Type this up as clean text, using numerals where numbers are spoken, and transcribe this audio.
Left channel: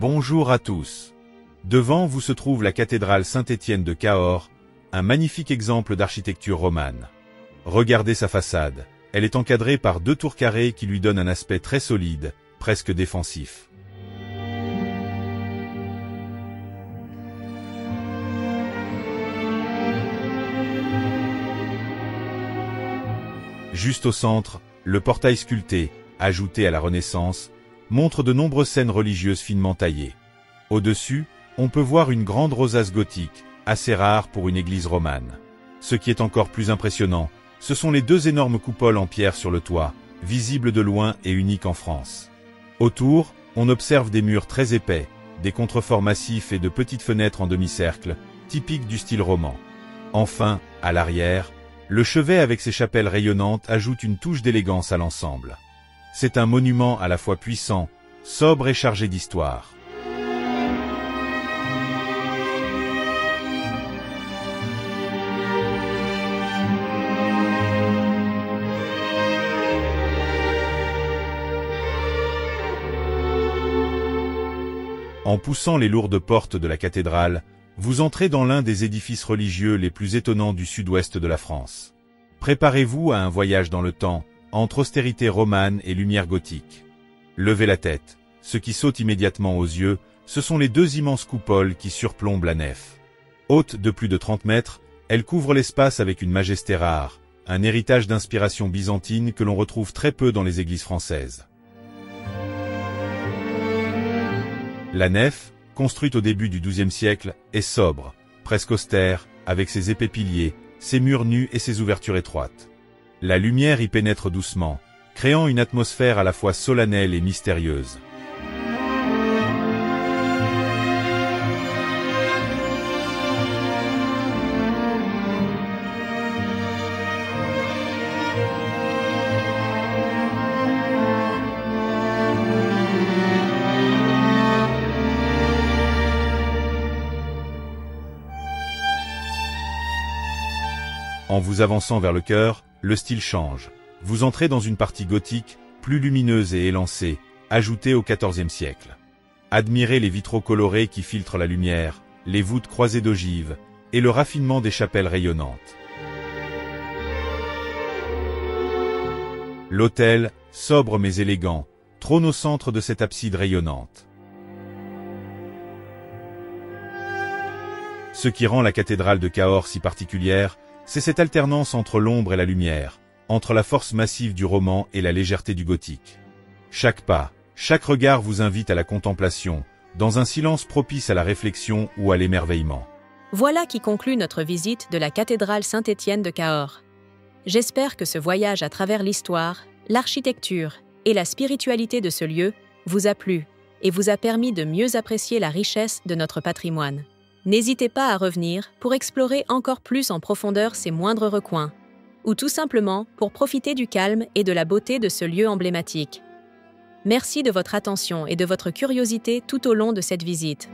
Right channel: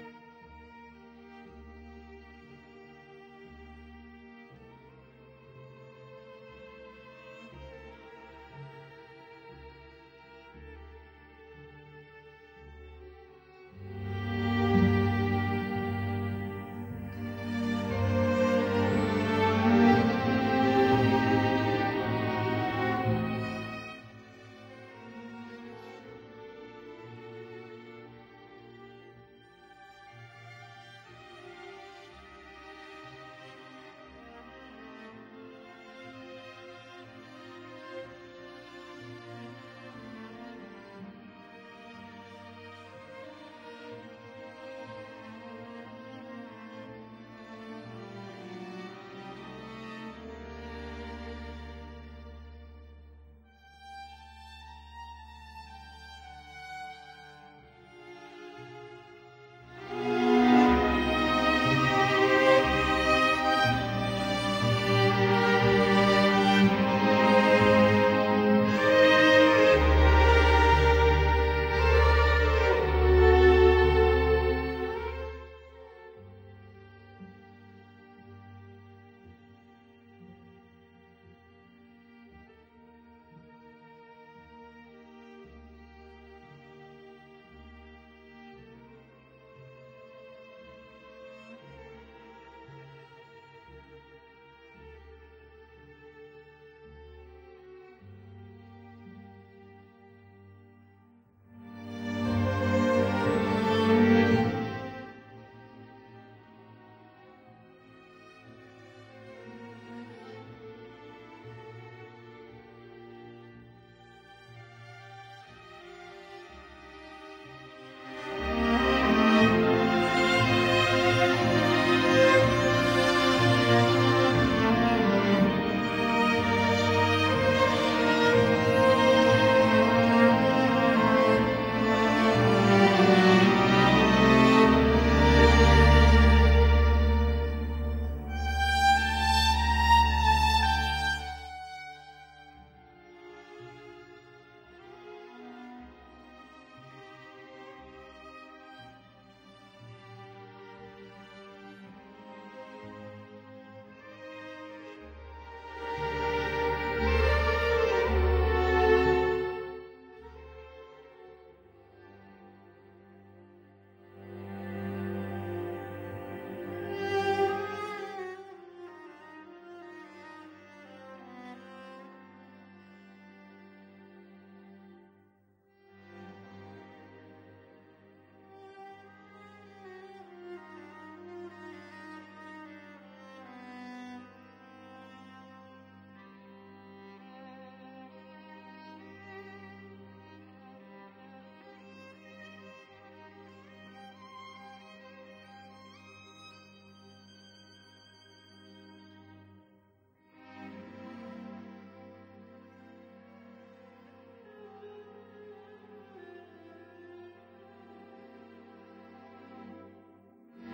Bonjour à tous. Devant vous se trouve la cathédrale Saint-Étienne de Cahors, un magnifique exemple d'architecture romane. Regardez sa façade. Elle est encadrée par deux tours carrées qui lui donnent un aspect très solide, presque défensif. Juste au centre, le portail sculpté, ajouté à la Renaissance, montre de nombreuses scènes religieuses finement taillées. Au-dessus, on peut voir une grande rosace gothique, assez rare pour une église romane. Ce qui est encore plus impressionnant, ce sont les deux énormes coupoles en pierre sur le toit, visibles de loin et uniques en France. Autour, on observe des murs très épais, des contreforts massifs et de petites fenêtres en demi-cercle, typiques du style roman. Enfin, à l'arrière, le chevet avec ses chapelles rayonnantes ajoute une touche d'élégance à l'ensemble. C'est un monument à la fois puissant, sobre et chargé d'histoire. En poussant les lourdes portes de la cathédrale, vous entrez dans l'un des édifices religieux les plus étonnants du sud-ouest de la France. Préparez-vous à un voyage dans le temps, entre austérité romane et lumière gothique. Levez la tête. Ce qui saute immédiatement aux yeux, ce sont les deux immenses coupoles qui surplombent la nef. Haute de plus de 30 mètres, elles couvrent l'espace avec une majesté rare, un héritage d'inspiration byzantine que l'on retrouve très peu dans les églises françaises. La nef, construite au début du XIIe siècle, est sobre, presque austère, avec ses épais piliers, ses murs nus et ses ouvertures étroites. La lumière y pénètre doucement, créant une atmosphère à la fois solennelle et mystérieuse. En vous avançant vers le chœur, le style change. Vous entrez dans une partie gothique, plus lumineuse et élancée, ajoutée au XIVe siècle. Admirez les vitraux colorés qui filtrent la lumière, les voûtes croisées d'ogives, et le raffinement des chapelles rayonnantes. L'autel, sobre mais élégant, trône au centre de cette abside rayonnante. Ce qui rend la cathédrale de Cahors si particulière, c'est cette alternance entre l'ombre et la lumière, entre la force massive du roman et la légèreté du gothique. Chaque pas, chaque regard vous invite à la contemplation, dans un silence propice à la réflexion ou à l'émerveillement. Voilà qui conclut notre visite de la cathédrale Saint-Étienne de Cahors. J'espère que ce voyage à travers l'histoire, l'architecture et la spiritualité de ce lieu vous a plu et vous a permis de mieux apprécier la richesse de notre patrimoine. N'hésitez pas à revenir pour explorer encore plus en profondeur ces moindres recoins, ou tout simplement pour profiter du calme et de la beauté de ce lieu emblématique. Merci de votre attention et de votre curiosité tout au long de cette visite.